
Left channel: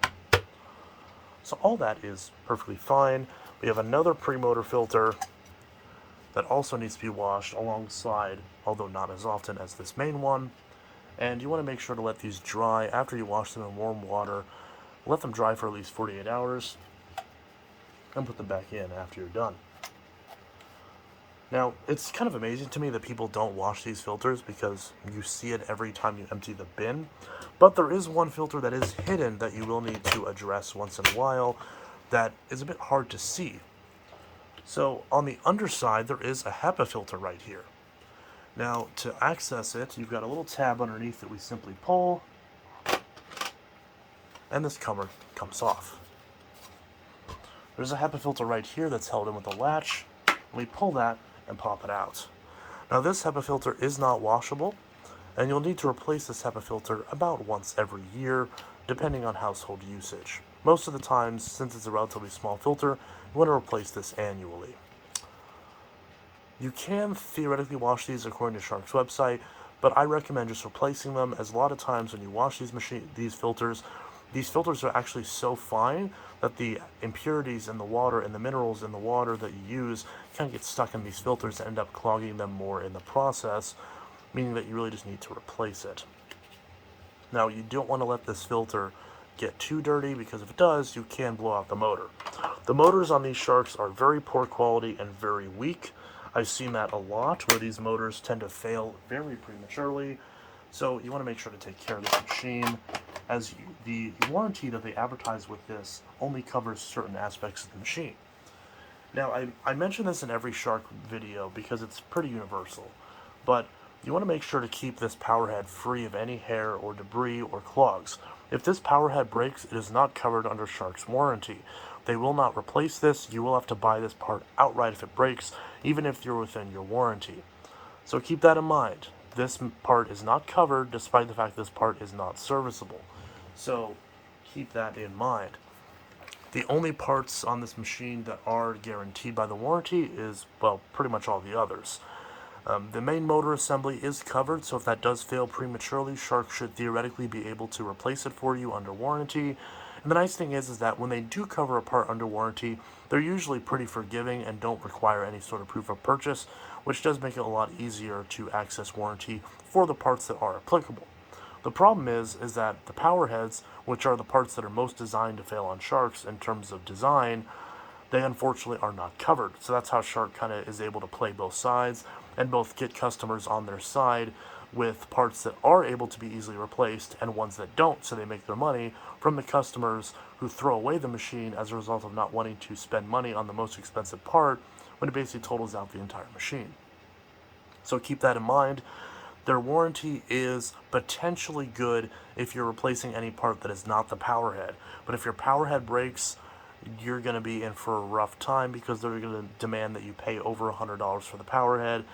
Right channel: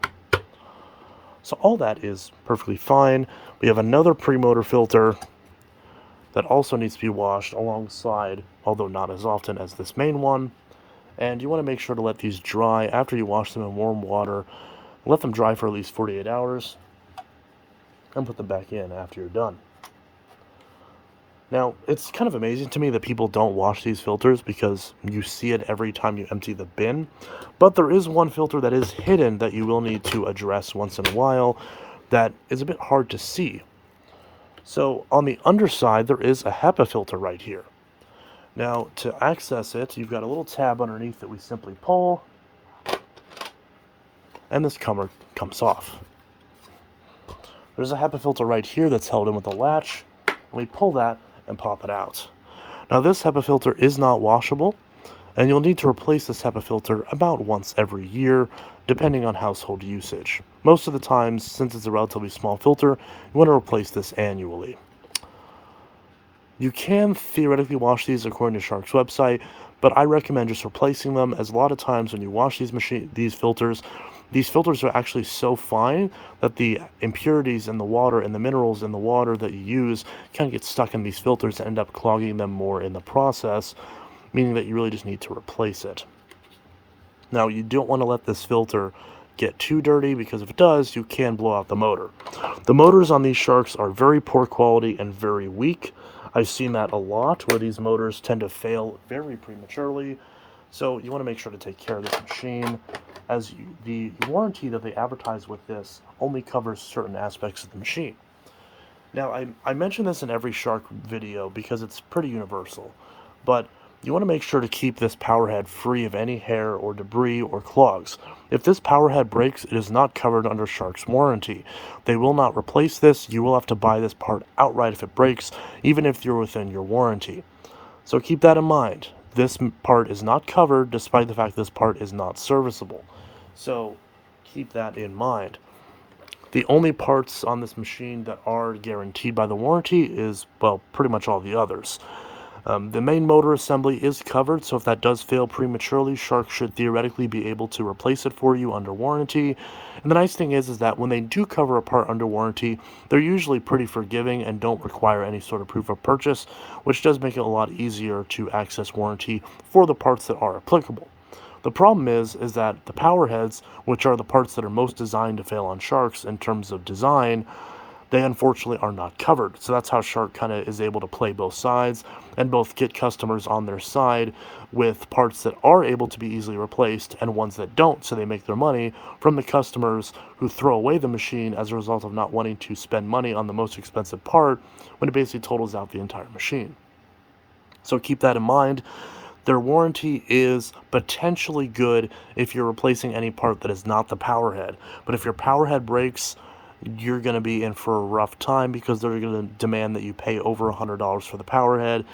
So all that is perfectly fine. We have another pre-motor filter that also needs to be washed alongside, although not as often as this main one. And you want to make sure to let these dry after you wash them in warm water. Let them dry for at least 48 hours and put them back in after you're done. Now, it's kind of amazing to me that people don't wash these filters because you see it every time you empty the bin. But there is one filter that is hidden that you will need to address once in a while that is a bit hard to see. So on the underside, there is a HEPA filter right here. Now, to access it, you've got a little tab underneath that we simply pull, and this cover comes off. There's a HEPA filter right here that's held in with a latch. We pull that and pop it out. Now, this HEPA filter is not washable, and you'll need to replace this HEPA filter about once every year, depending on household usage. Most of the times, since it's a relatively small filter, you want to replace this annually. You can theoretically wash these according to Shark's website, but I recommend just replacing them, as a lot of times when you wash these filters are actually so fine that the impurities in the water and the minerals in the water that you use kind of get stuck in these filters and end up clogging them more in the process, meaning that you really just need to replace it. Now, you don't want to let this filter get too dirty, because if it does, you can blow out the motor. The motors on these Sharks are very poor quality and very weak. I've seen that a lot, where these motors tend to fail very prematurely. So you want to make sure to take care of this machine, as the warranty that they advertise with this only covers certain aspects of the machine. Now, I mention this in every Shark video because it's pretty universal, but you want to make sure to keep this power head free of any hair or debris or clogs. If this power head breaks, it is not covered under Shark's warranty. They will not replace this. You will have to buy this part outright if it breaks, even if you're within your warranty. So keep that in mind. This part is not covered, despite the fact this part is not serviceable. So keep that in mind. The only parts on this machine that are guaranteed by the warranty is, well, pretty much all the others. The main motor assembly is covered, so if that does fail prematurely, Shark should theoretically be able to replace it for you under warranty. And the nice thing is that when they do cover a part under warranty, they're usually pretty forgiving and don't require any sort of proof of purchase, which does make it a lot easier to access warranty for the parts that are applicable. The problem is that the power heads, which are the parts that are most designed to fail on Sharks in terms of design, they unfortunately are not covered. So that's how Shark kind of is able to play both sides and both get customers on their side with parts that are able to be easily replaced and ones that don't, so they make their money from the customers who throw away the machine as a result of not wanting to spend money on the most expensive part when it basically totals out the entire machine. So keep that in mind. Their warranty is potentially good if you're replacing any part that is not the power head, but if your power head breaks, you're going to be in for a rough time, because they're going to demand that you pay over $100 for the power head,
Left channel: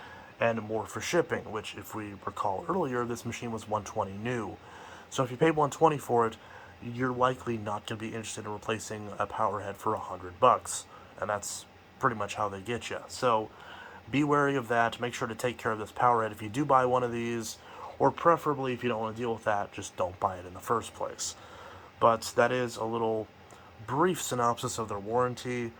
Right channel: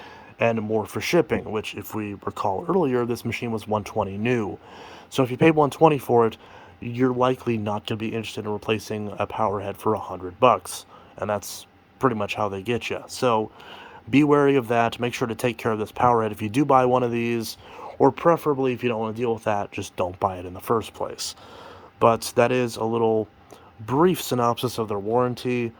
and more for shipping, which, if we recall earlier, this machine was $120 new. So if you paid $120 for it, you're likely not going to be interested in replacing a power head for $100, and that's pretty much how they get you. So be wary of that. Make sure to take care of this power head if you do buy one of these, or preferably, if you don't want to deal with that, just don't buy it in the first place. But that is a little brief synopsis of their warranty,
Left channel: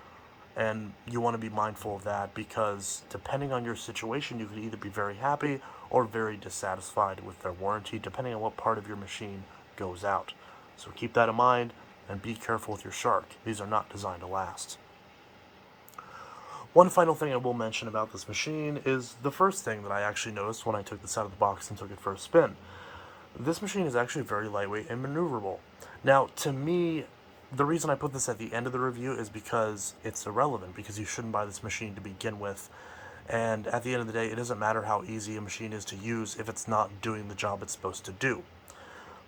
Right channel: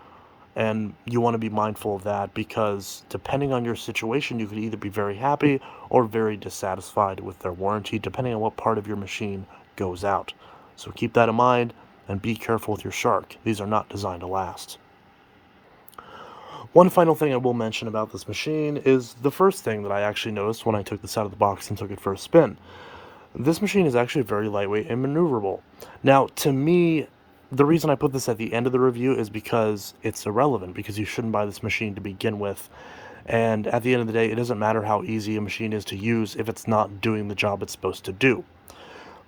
and you want to be mindful of that, because depending on your situation, you could either be very happy or very dissatisfied with their warranty, depending on what part of your machine goes out. So keep that in mind and be careful with your Shark. These are not designed to last. One final thing I will mention about this machine is the first thing that I actually noticed when I took this out of the box and took it for a spin. This machine is actually very lightweight and maneuverable. Now, to me, the reason I put this at the end of the review is because it's irrelevant, because you shouldn't buy this machine to begin with. And at the end of the day, it doesn't matter how easy a machine is to use if it's not doing the job it's supposed to do.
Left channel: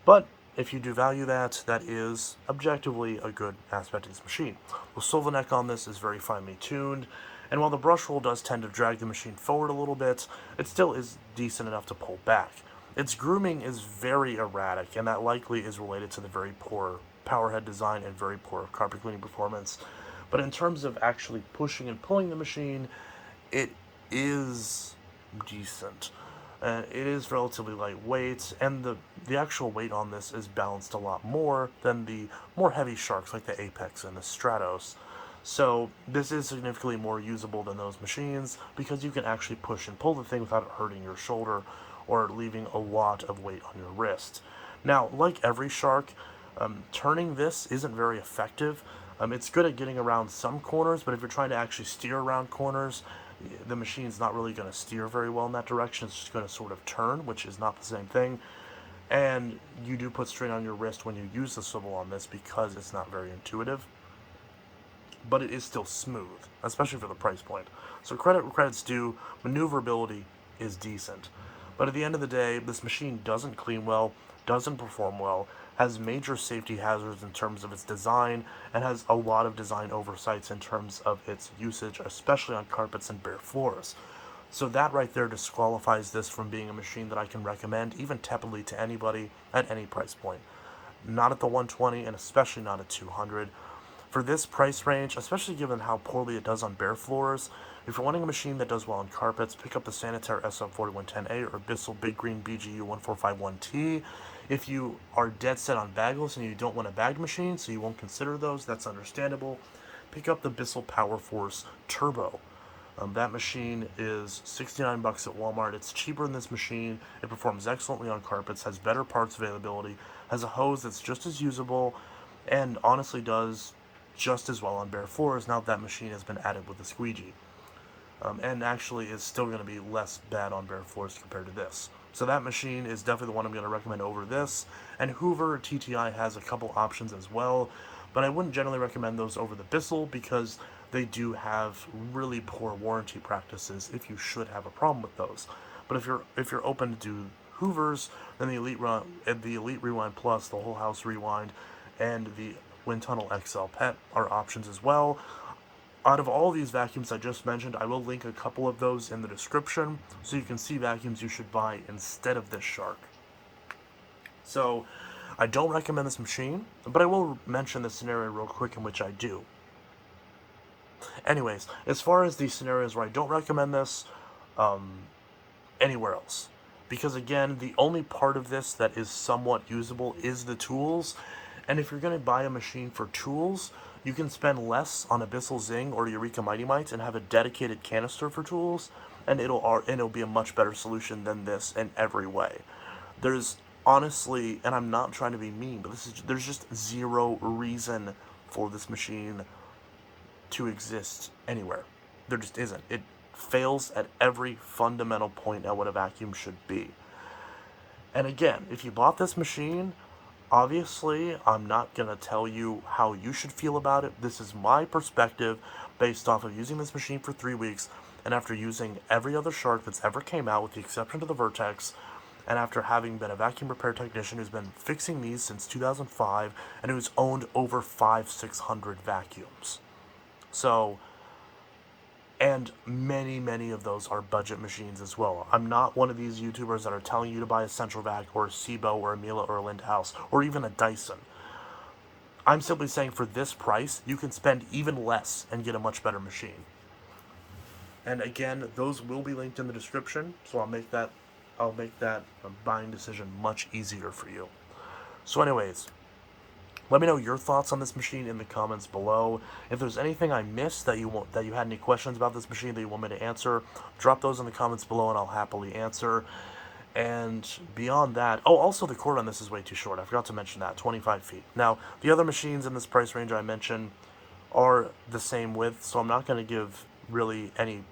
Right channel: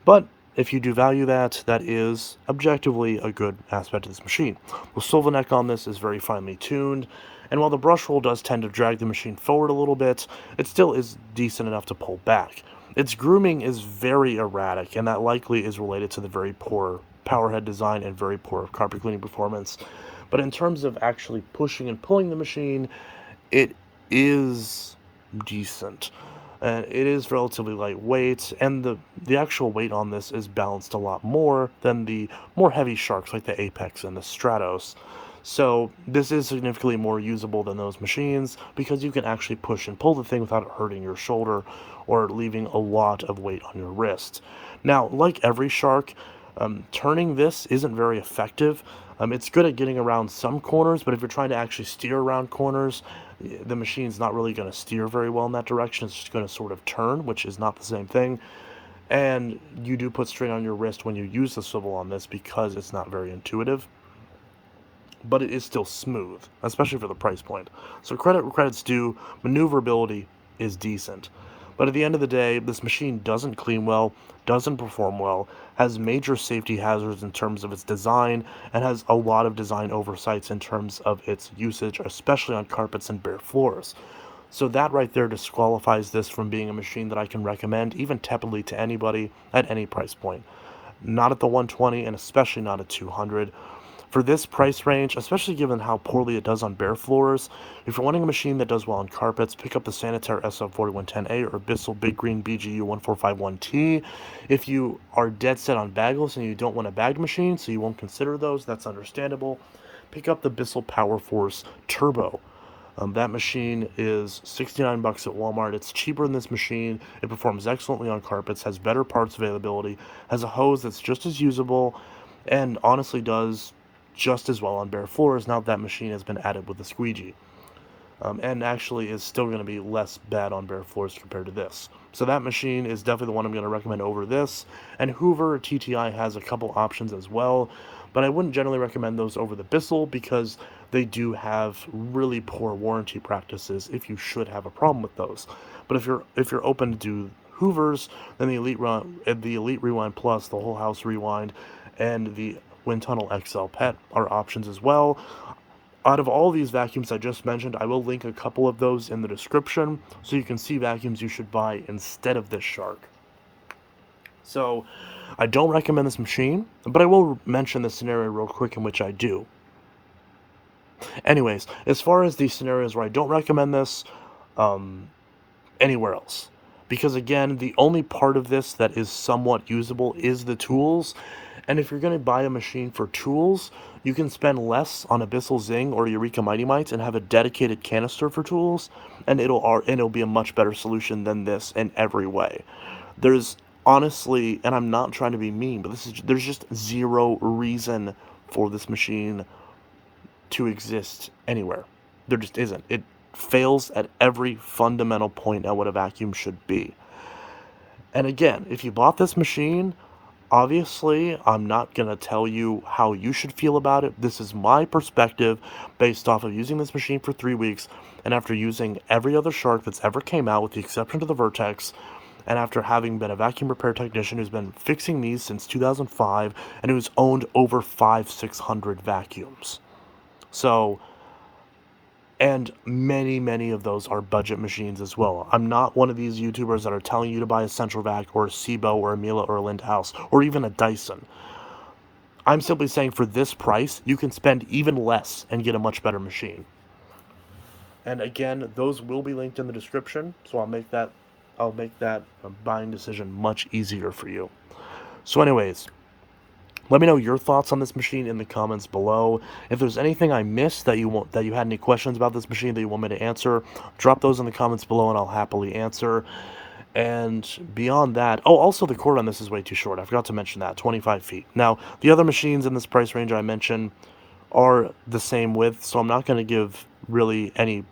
But if you do value that, that is objectively a good aspect of this machine. The swivel neck on this is very finely tuned, and while the brush roll does tend to drag the machine forward a little bit, it still is decent enough to pull back. Its grooming is very erratic, and that likely is related to the very poor power head design and very poor carpet cleaning performance. But in terms of actually pushing and pulling the machine, it is decent. It is relatively lightweight, and the actual weight on this is balanced a lot more than the more heavy Sharks like the Apex and the Stratos. So this is significantly more usable than those machines, because you can actually push and pull the thing without it hurting your shoulder or leaving a lot of weight on your wrist. Now, like every Shark, turning this isn't very effective. It's good at getting around some corners, but if you're trying to actually steer around corners, the machine's not really going to steer very well in that direction. It's just going to sort of turn, which is not the same thing. And you do put strain on your wrist when you use the swivel on this, because it's not very intuitive. But it is still smooth, especially for the price point. So credit where credit's due, maneuverability is decent. But at the end of the day, this machine doesn't clean well, doesn't perform well, has major safety hazards in terms of its design, and has a lot of design oversights in terms of its usage, especially on carpets and bare floors. So that right there disqualifies this from being a machine that I can recommend, even tepidly, to anybody at any price point. Not at the 120, and especially not at 200. For this price range, especially given how poorly it does on bare floors, if you're wanting a machine that does well on carpets, pick up the Sanitaire SL4110A or Bissell Big Green BGU1451T. If you are dead set on bagless and you don't want a bagged machine, so you won't consider those, that's understandable, pick up the Bissell Power Force Turbo. That machine is $69 at Walmart. It's cheaper than this machine. It performs excellently on carpets, has better parts availability, has a hose that's just as usable, and honestly does just as well on bare floors now that machine has been added with the squeegee. And actually is still going to be less bad on bare floors compared to this. So that machine is definitely the one I'm going to recommend over this. And Hoover TTI has a couple options as well, but I wouldn't generally recommend those over the Bissell, because they do have really poor warranty practices if you should have a problem with those. But if you're open to do Hoovers, then the Elite Rewind Plus, the Whole House Rewind, and the Wind Tunnel XL Pet are options as well. Out of all these vacuums I just mentioned, I will link a couple of those in the description so you can see vacuums you should buy instead of this Shark. So I don't recommend this machine, but I will mention the scenario real quick in which I do. Anyways, as far as the scenarios where I don't recommend this, anywhere else. Because again, the only part of this that is somewhat usable is the tools. And if you're going to buy a machine for tools, you can spend less on a Bissell Zing or Eureka Mighty Mites and have a dedicated canister for tools, and it'll be a much better solution than this in every way. There's honestly, and I'm not trying to be mean, but there's just zero reason for this machine to exist anywhere. There just isn't. It fails at every fundamental point at what a vacuum should be. And again, if you bought this machine, obviously, I'm not going to tell you how you should feel about it. This is my perspective based off of using this machine for 3 weeks, and after using every other Shark that's ever came out with the exception to the Vertex, and after having been a vacuum repair technician who's been fixing these since 2005 and who's owned over 600 vacuums. So And many of those are budget machines as well. I'm not one of these YouTubers that are telling you to buy a Central Vac or a Sebo or a Miele or a Lindhouse or even a Dyson. I'm simply saying for this price, you can spend even less and get a much better machine. And again, those will be linked in the description, so I'll make that buying decision much easier for you. So anyways, let me know your thoughts on this machine in the comments below. If there's anything I missed that you had any questions about this machine that you want me to answer, drop those in the comments below and I'll happily answer. And beyond that, oh, also the cord on this is way too short. I forgot to mention that, 25 feet. Now, the other machines in this price range I mentioned are the same width, so I'm not going to give really any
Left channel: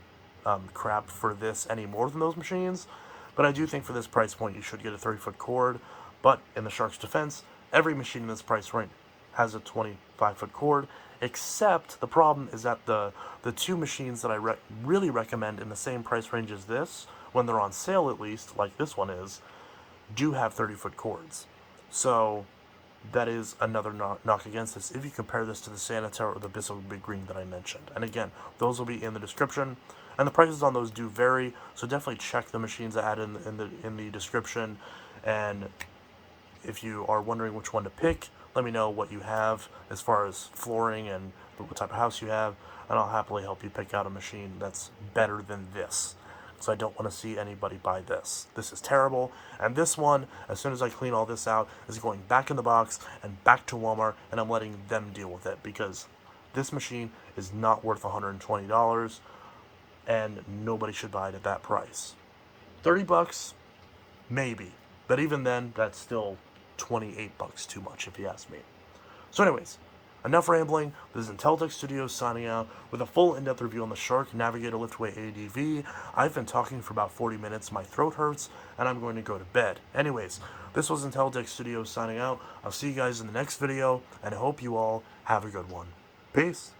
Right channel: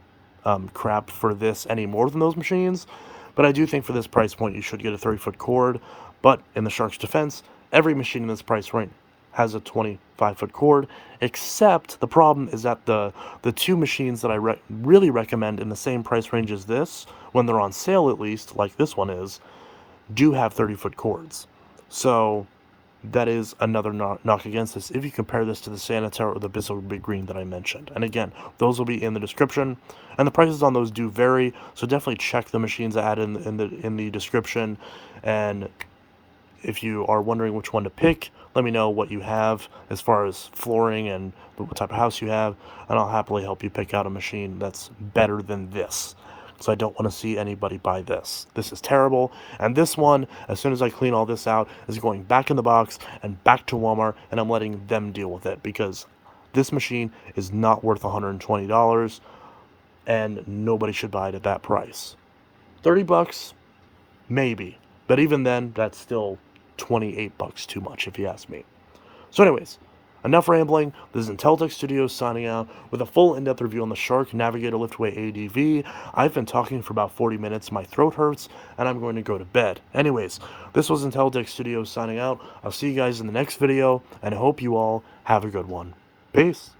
crap for this any more than those machines. But I do think for this price point, you should get a 30-foot cord. But in the Shark's defense, every machine in this price range has a 25-foot cord, except the problem is that the two machines that I really recommend in the same price range as this, when they're on sale at least, like this one is, do have 30-foot cords. So that is another knock against this if you compare this to the Sanitaire or the Bissell Big Green that I mentioned. And again, those will be in the description, and the prices on those do vary, so definitely check the machines I added in the description. And if you are wondering which one to pick, let me know what you have as far as flooring and what type of house you have, and I'll happily help you pick out a machine that's better than this. So I don't want to see anybody buy this. This is terrible. And this one, as soon as I clean all this out, is going back in the box and back to Walmart, and I'm letting them deal with it because this machine is not worth $120, and nobody should buy it at that price. 30 bucks, maybe. But even then, that's still 28 bucks too much if you ask me. So anyways, enough rambling. This is Intellitech Studios signing out with a full in-depth review on the Shark Navigator Liftway ADV. I've been talking for about 40 minutes. My throat hurts, and I'm going to go to bed. Anyways, this was Intellitech Studios signing out. I'll see you guys in the next video, and I hope you all have a good one. Peace.